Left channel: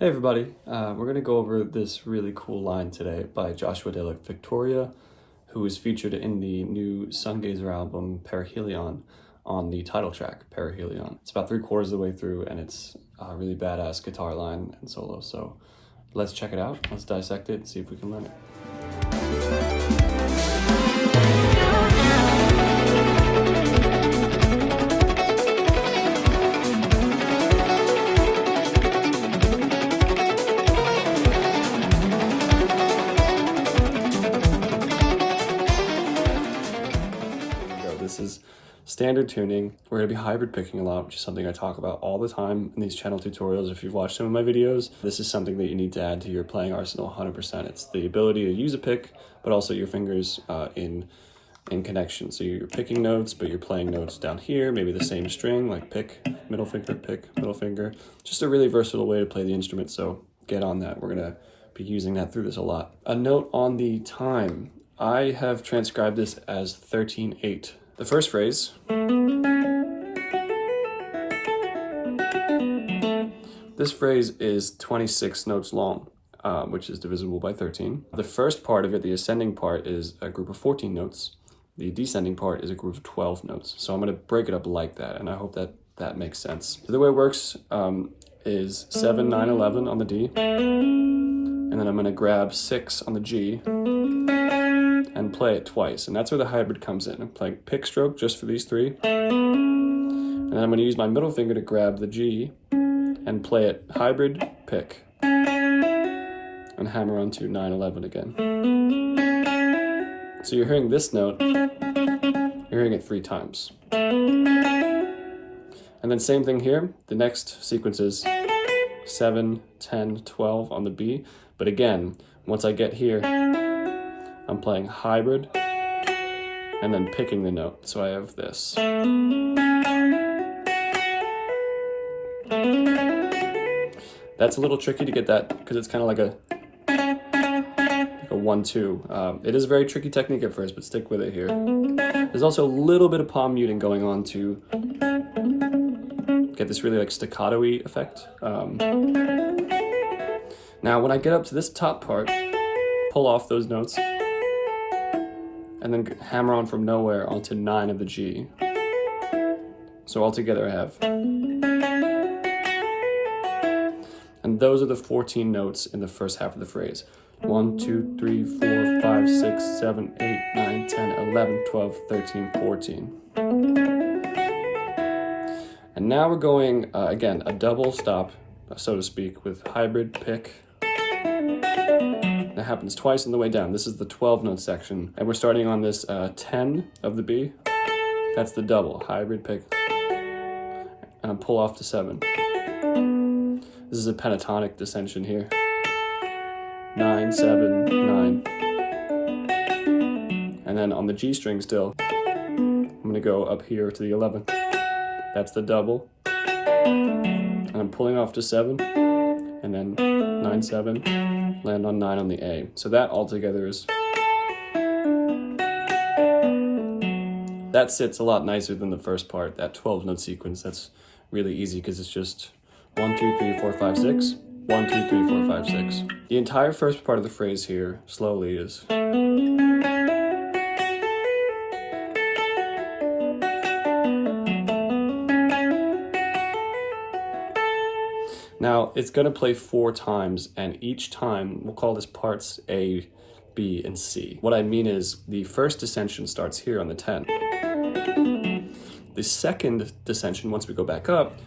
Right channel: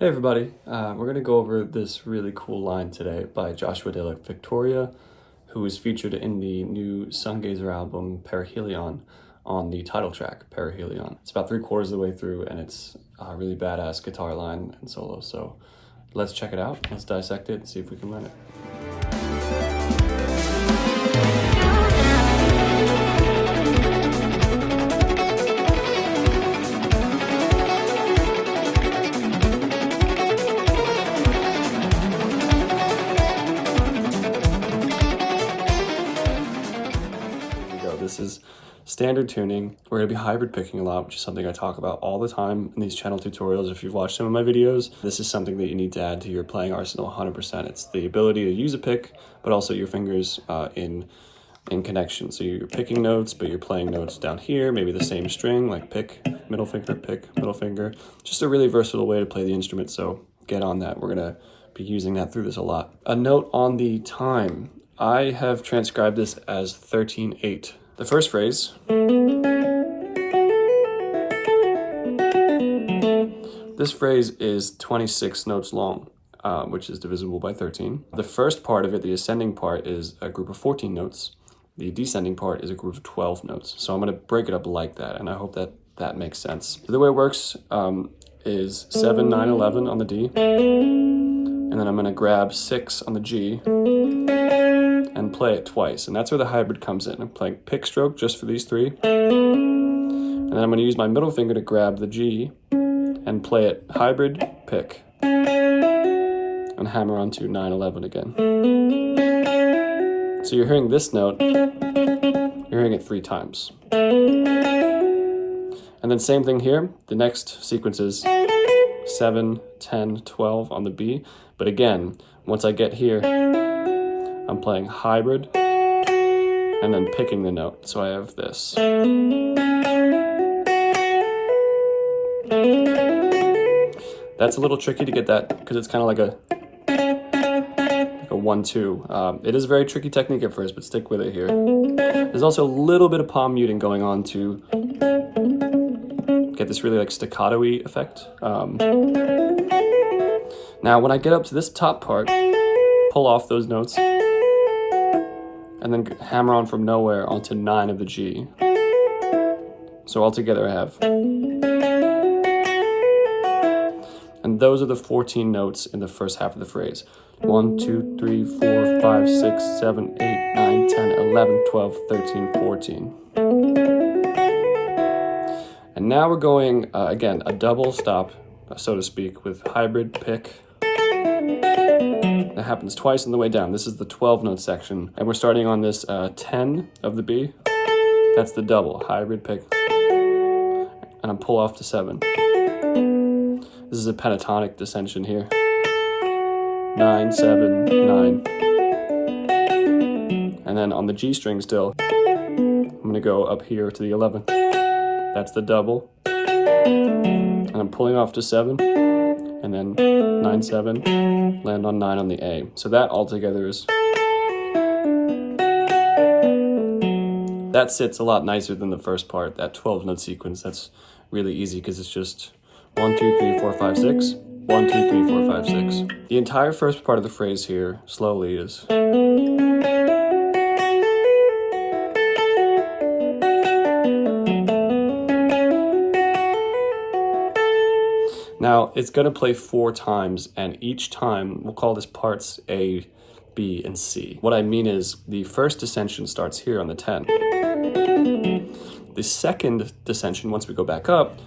Hey everybody, we're going to go over this really cool line today by Joshua de la Victoria, who is featured in the new Sungazer album, Perihelion, on the title track, Perihelion. It's about 3/4 of the way through, and it's a really badass guitar line and solo, so let's check it out, let's dissect it, and see if we can learn it. This is standard tuning. We're going to be hybrid picking a lot, which is something I talk about all the time in these channel tutorials. If you've watched some of my videos, this is something that you need to add to your playing arsenal 100%. It's the ability to use a pick, but also your fingers in connection. So you're picking notes, but you're playing notes down here, maybe the same string, like pick, middle finger. Just a really versatile way to play the instrument, so get on that. We're going to be using that through this a lot. A note on the time. I have transcribed this as 13/8. The first phrase, this phrase is 26 notes long, which is divisible by 13. The first part of it, the ascending part, is a group of 14 notes. The descending part is a group of 12 notes. So I'm going to break it up like that, and I hope that that makes sense. So the way it works is 7, 9, 11 on the D, and then I'm going to grab 6 on the G, and play it twice, and that's where the hybrid comes in. I'm playing pick stroke just for these three, and then I'm going to use my middle finger to grab the G and play it hybrid, pick, and hammer onto 9, 11 again. So you're hearing this note, you're hearing it 3 times. And then same thing here, the next sequence is 7, 10, 12 on the B, but again, once I get here, I'm playing hybrid and then picking the note. So I have this. That's a little tricky to get that because it's kind of like a 1-2. It is a very tricky technique at first, but stick with it here. There's also a little bit of palm muting going on to get this really like staccato-y effect. Now when I get up to this top part, pull off those notes, and then hammer on from nowhere onto 9 of the G. So altogether I have. And those are the 14 notes in the first half of the phrase. 1, 2, 3, 4, 5, 6, 7, 8, 9, 10, 11, 12, 13, 14. And now we're going, again, a double stop, so to speak, with hybrid, pick. That happens twice on the way down. This is the 12 note section, and we're starting on this 10 of the B. That's the double, hybrid, pick, and I pull off to 7. This is a pentatonic descension here. 9, 7, 9. And then on the G string still, I'm gonna go up here to the 11. That's the double, and I'm pulling off to 7, and then 9, 7, land on 9 on the A. So that altogether is, that sits a lot nicer than the first part, that 12 note sequence. That's really easy because it's just 1, 2, 3, 4, 5, 6, 1, 2, 3, 4, 5, 6. The entire first part of the phrase here, slowly, is now, it's going to play 4 times, and each time, we'll call this parts A, B, and C. What I mean is, the first descension starts here on the 10. The second descension, once we go back up,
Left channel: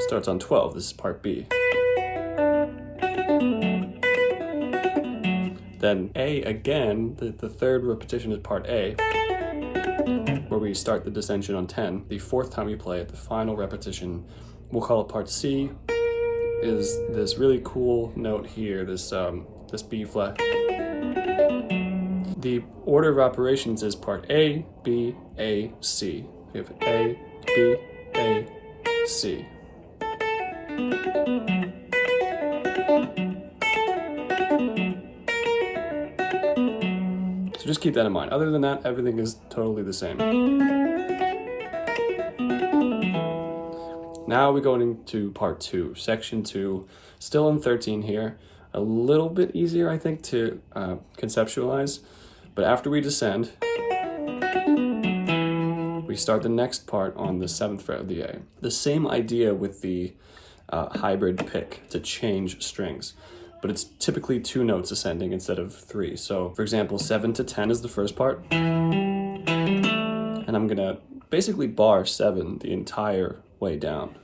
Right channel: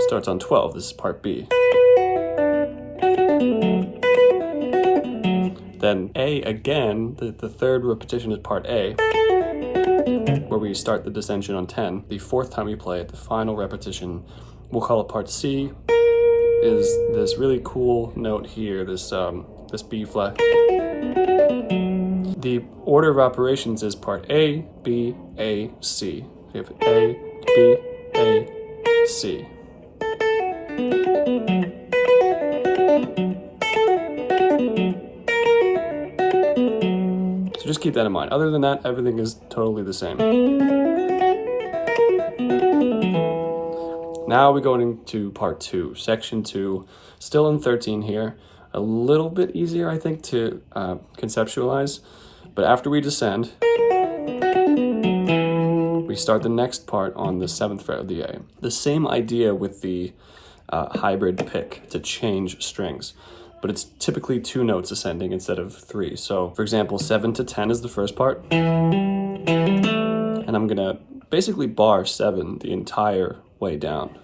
starts on 12. This is part B. Then A again, the third repetition is part A, where we start the descension on 10. The 4th time we play it, the final repetition, we'll call it part C, is this really cool note here, this B flat. The order of operations is part A, B, A, C. We have A, B, A, C. So just keep that in mind. Other than that, everything is totally the same. Now we're going into part 2, section 2. Still in 13 here. A little bit easier, I think, to conceptualize. But after we descend, we start the next part on the 7th fret of the A. The same idea with the hybrid pick to change strings, but it's typically 2 notes ascending instead of 3. So for example, 7 to 10 is the first part, and I'm gonna basically bar 7 the entire way down.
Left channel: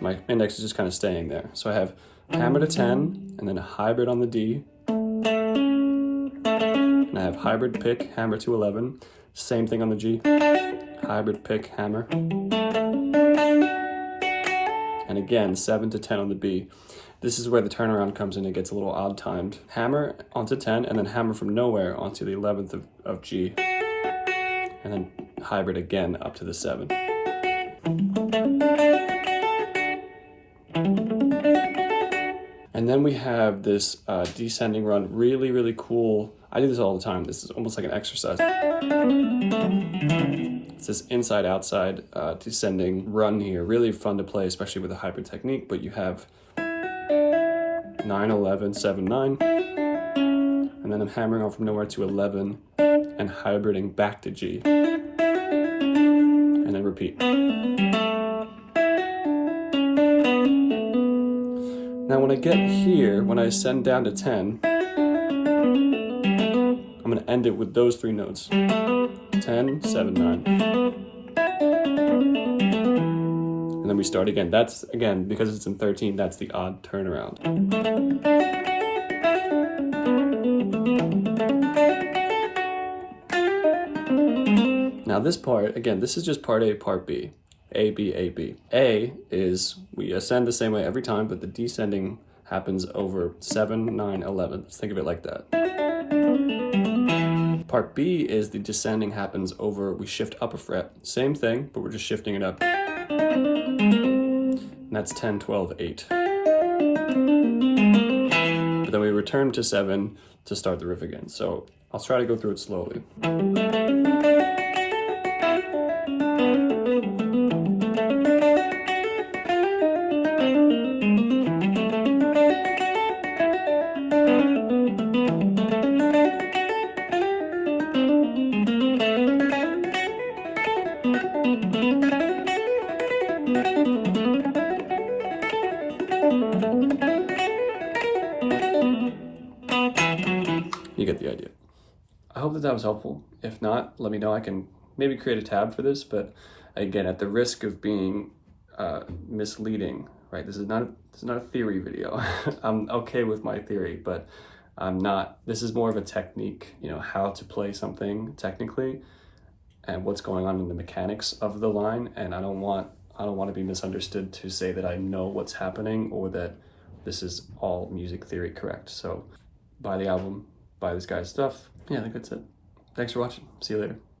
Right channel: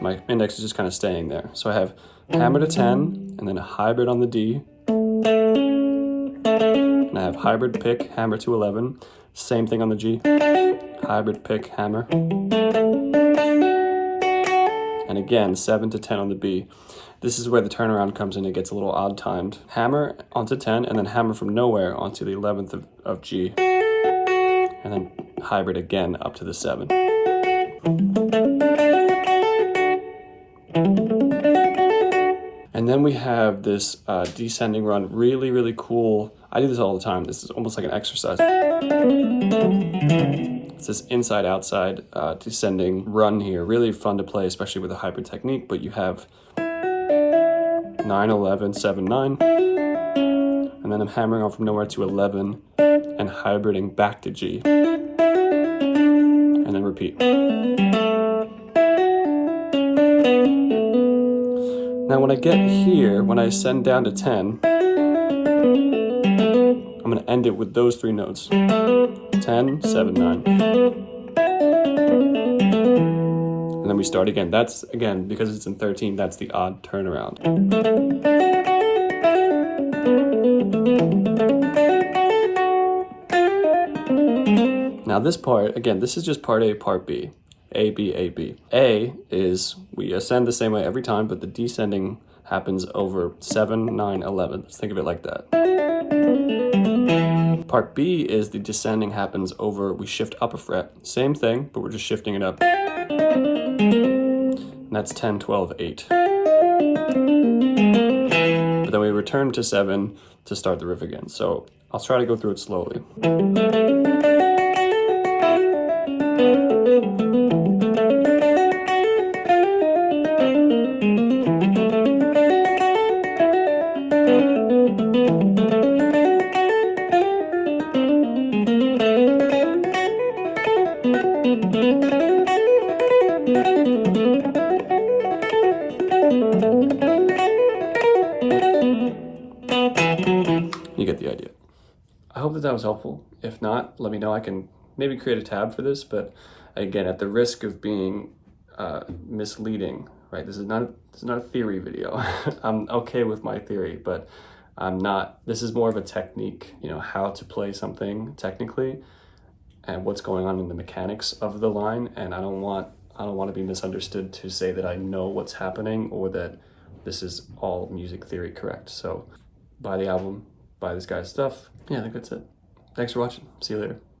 My index is just kind of staying there. So I have hammer to 10, and then a hybrid on the D, and I have hybrid pick, hammer to 11, same thing on the G, hybrid pick, hammer, and again 7 to 10 on the B. This is where the turnaround comes in. It gets a little odd timed. Hammer onto 10, and then hammer from nowhere onto the 11th of G, and then hybrid again up to the 7. And then we have this descending run, really, really cool. I do this all the time. This is almost like an exercise. It's this inside-outside descending run here. Really fun to play, especially with a hybrid technique, but you have 9, 11, 7, 9. And then I'm hammering on from nowhere to 11 and hybriding back to G. And then repeat. Now when I get here, when I ascend down to 10, I'm going to end it with those 3 notes. 10, 7, 9. And then we start again. That's, again, because it's in 13, that's the odd turnaround. Now this part, again, this is just part A, part B. A, B, A, B. A is, we ascend the same way every time, but the descending happens over 7, 9, 11. Let's think of it like that. Part B is the descending happens over, we shift up a fret. Same thing, but we're just shifting it up. And that's 10, 12, 8. But then we return to 7 to start the riff again. So I'll try to go through it slowly. You get the idea. I hope that was helpful. If not, let me know. I can maybe create a tab for this, but again, at the risk of being misleading, right? This is not a theory video. I'm okay with my theory, but I'm not. This is more of a technique, you know, how to play something technically and what's going on in the mechanics of the line. And I don't want to be misunderstood to say that I know what's happening or that this is all music theory correct. So buy the album, buy this guy's stuff. Yeah, I think that's it. Thanks for watching. See you later.